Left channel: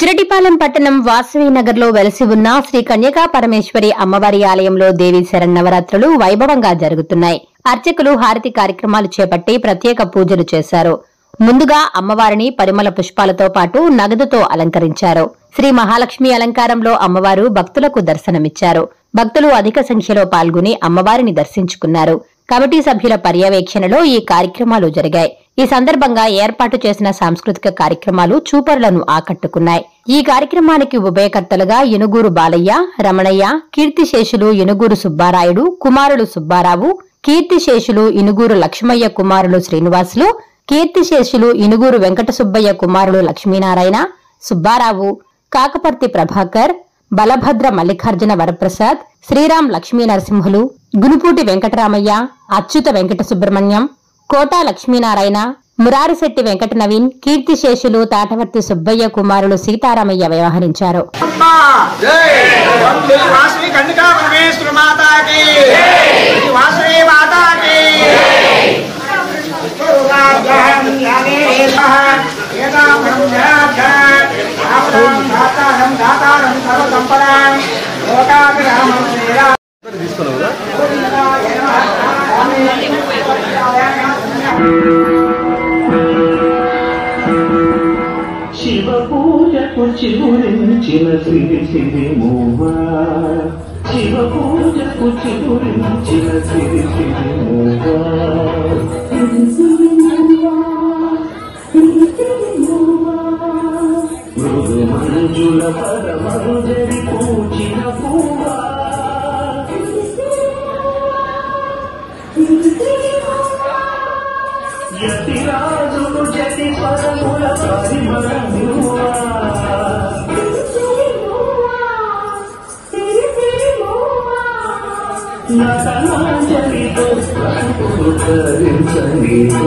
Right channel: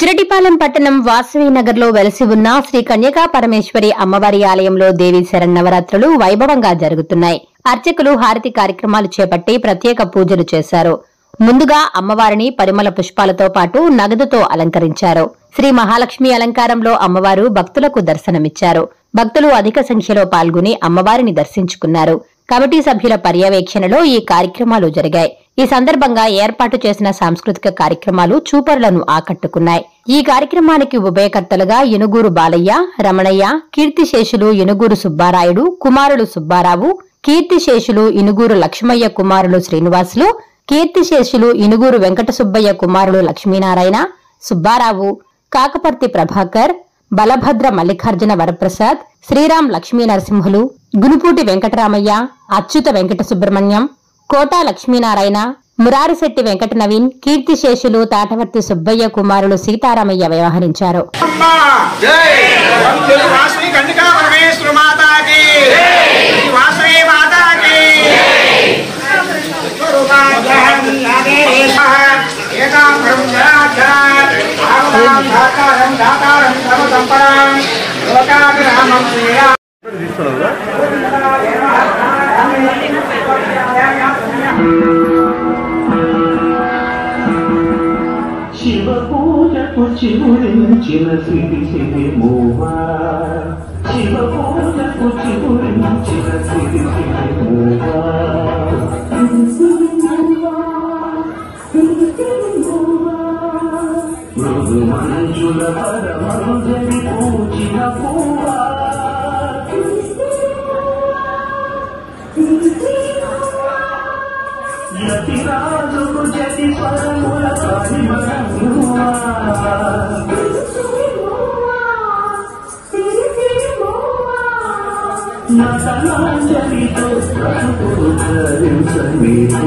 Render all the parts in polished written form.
బుజ్జిరెడ్డిపాలెం పట్టణం వాసవి నగర్ లో వెలసి ఉన్న శ్రీ కన్యకా పరమేశ్వరి అమ్మవారి ఆలయంలో దేవీ శరన్నవరాత్రులు వైభవంగా జరుగుతున్నాయి. అర్చకులు హారతి కార్యక్రమాలు చేపట్టి ప్రత్యేక పూజలు చేశారు. ముందుగా అమ్మవారిని పరిమళ పుష్పాలతో పాటు నగదుతో అలంకరించారు. శ్రీ మహాలక్ష్మి అలంకారంలో అమ్మవారు భక్తులకు దర్శనమిచ్చారు. భక్తులు అధిక సంఖ్యలో పాల్గొని అమ్మవారిని దర్శించుకున్నారు. కమిటీ సభ్యుల పర్యవేక్షణలో ఈ కార్యక్రమాలు జరిగాయి. ఈ సందర్భంగా ఏర్పాటు చేసిన సాంస్కృతిక కార్యక్రమాలు చూపరులను ఆకట్టుకున్నాయి. ఈ కార్యక్రమానికి ఉభయకర్తలుగా యనుగూరు బాలయ్య, రమణయ్య, కీర్తిశేషులు యనుగూరు సుబ్బారాయుడు కుమారులు సుబ్బారావు, కీర్తిశేషులు ఇనుగూరు లక్ష్మయ్య కుమారులు శ్రీనివాసులు, కీర్తిశేషులు ఇనుగూరు వెంకట సుబ్బయ్య కుమారులు లక్ష్మీనారాయణ, సుబ్బారావు, కాకపర్తి ప్రభాకర్, బలభద్ర మల్లికార్జున వరప్రసాద్, శ్రీరామ్ లక్ష్మీ నరసింహులు, గునుపూటి వెంకటరామయ్య, అచ్యుత వెంకట సుబ్రహ్మణ్యం, కోటా లక్ష్మీనారాయణ, మురారిశెట్టి వెంకట నవీన్, కీర్తిశేషులు తాటవర్తి సుబ్బయ్య కుమారులు సీతారామయ్య వ్యవహరించారు. శివ పూజకు చిగురించిన సిరి సిరి మూవా, శివ పూజకు చిగురించిన సిరి సిరి మూవా, మృదు మంజుల పరమజరి పూజిన పూవా, యతిరాజులు జతి స్వరముల పరిమళమువా, నగమాంజలితో పసుపు ధరించనివా,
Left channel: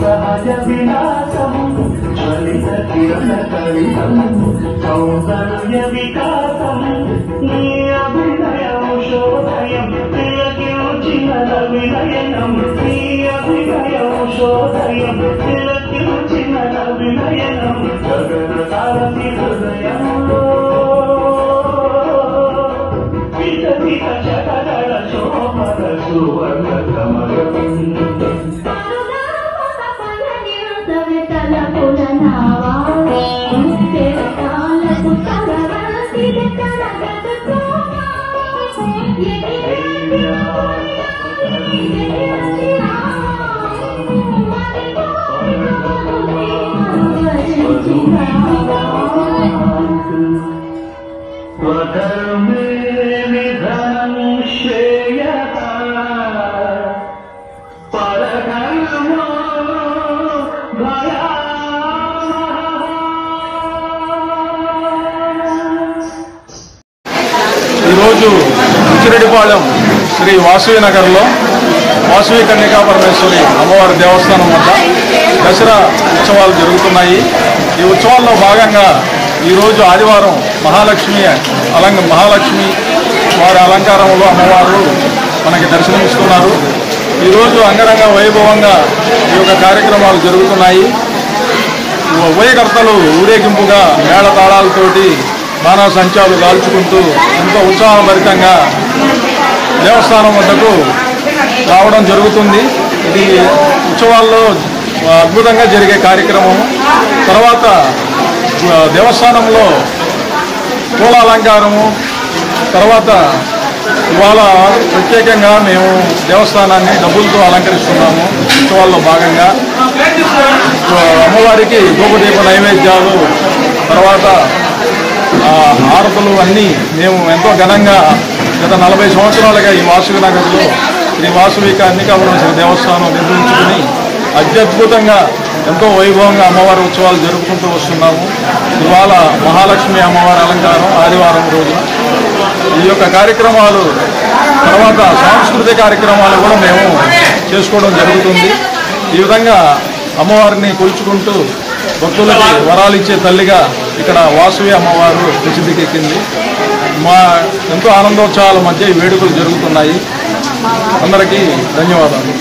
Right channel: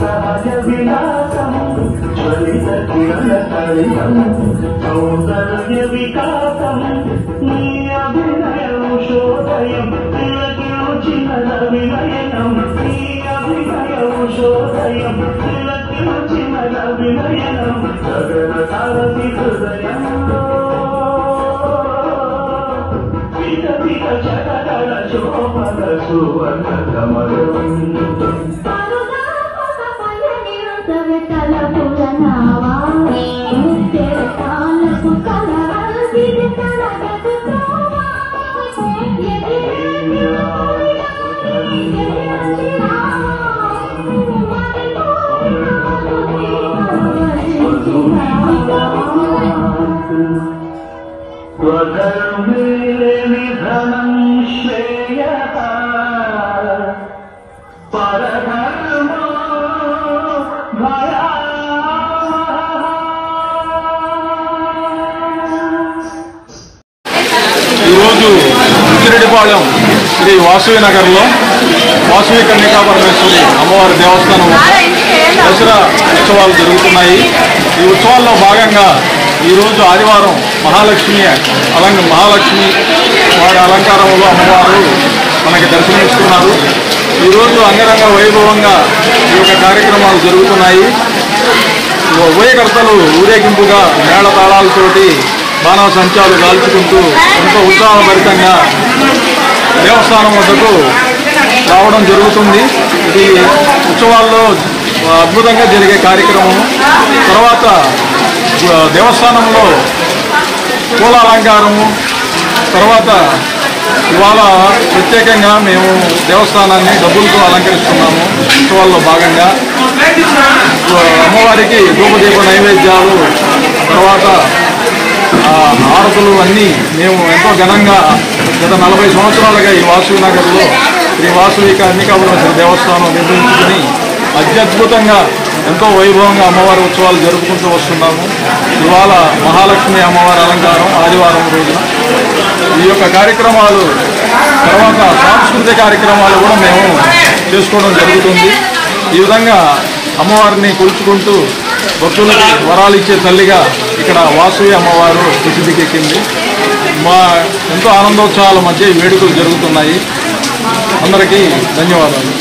సహజ విలాసం జ్వలిత కిరణ కలితం సౌందర్య వికాసం నీ అభినయం శోధయం తిలకించిన వినయనం నీ అభినయం శోధయం తిలకించిన వినయనం గగన సారథి హృదయంలో వికసిత శకదళ శోభన సువర్ణ కమలం ఈరోజు ఉచ్చిరెడ్డిపాళెం శ్రీ వాసవి నగర్లో వాసవి కన్యకా పరమేశ్వరి అమ్మవారి దేవస్థానం వద్ద దసరా ఉత్సవాలు జరుగుతున్నాయి. ఈ ఉత్సవాల్లో భాగంగా ఈరోజు ఆదివారం మహాలక్ష్మి వారి అలంకారంలో అమ్మవారు మనకి దర్శనమిస్తున్నారు. ఈరోజు అంగరంగ వైభవంగా ఈ యొక్క కార్యక్రమాలు జరుగుతున్నాయి. ఉభయకర్తలు ఊరేగింపుగా మేళతాళాలతోటి బాణాసంచాలు కాల్చుకుంటూ ఎంతో ఉత్సాహభరితంగా దేవస్థానం వద్దకు రావడం జరుగుతుంది. ఇది ఉత్సవాల్లో అద్భుతంగా జరిగే కార్యక్రమం. తర్వాత దేవస్థానంలో పూల అలంకారము, తర్వాత ఇవాళ ప్రత్యేకంగా మేము దేవస్థానాన్ని డబ్బులతో అలంకరిస్తున్నాము. ఉత్సవాల్లో భాగంగా అమ్మవారికి ధూపదీప నైవేద్యాలు, తర్వాత హారతులు అన్నీ మేము ఎంతో ఘనంగా గత 40 సంవత్సరాలుగా ఈ వాసవి నగర్లో శ్రీ వాసవి కన్యకా పరమేశ్వరి దేవస్థానం నిర్మించుకుని అత్యద్భుతంగా ఎంతో వైభవంగా అమ్మవారి ఉత్సవాలు జరుపుకుంటూ వస్తున్నాము. ఇవాళ మహాలక్ష్మి అమ్మవారి అలంకారం ఆదివారం రోజున ఈ యొక్క కార్యక్రమాలు, తర్వాత సాంస్కృతిక కార్యక్రమాలు కూడా మేము చేసుకోవడం జరుగుతుంది. ఈ విధంగా అమ్మవారిని కొలుచుకుంటూ భక్తులకు వరాలు ఇచ్చే తల్లిగా ఇక్కడ వాసవి అమ్మవారు ప్రసిద్ధికెక్కింది. ఎంతో ఆనందోత్సాహాల మధ్య ఈ వేడుకలు జరుగుతున్నాయి. అందరికీ ధన్యవాదాలు.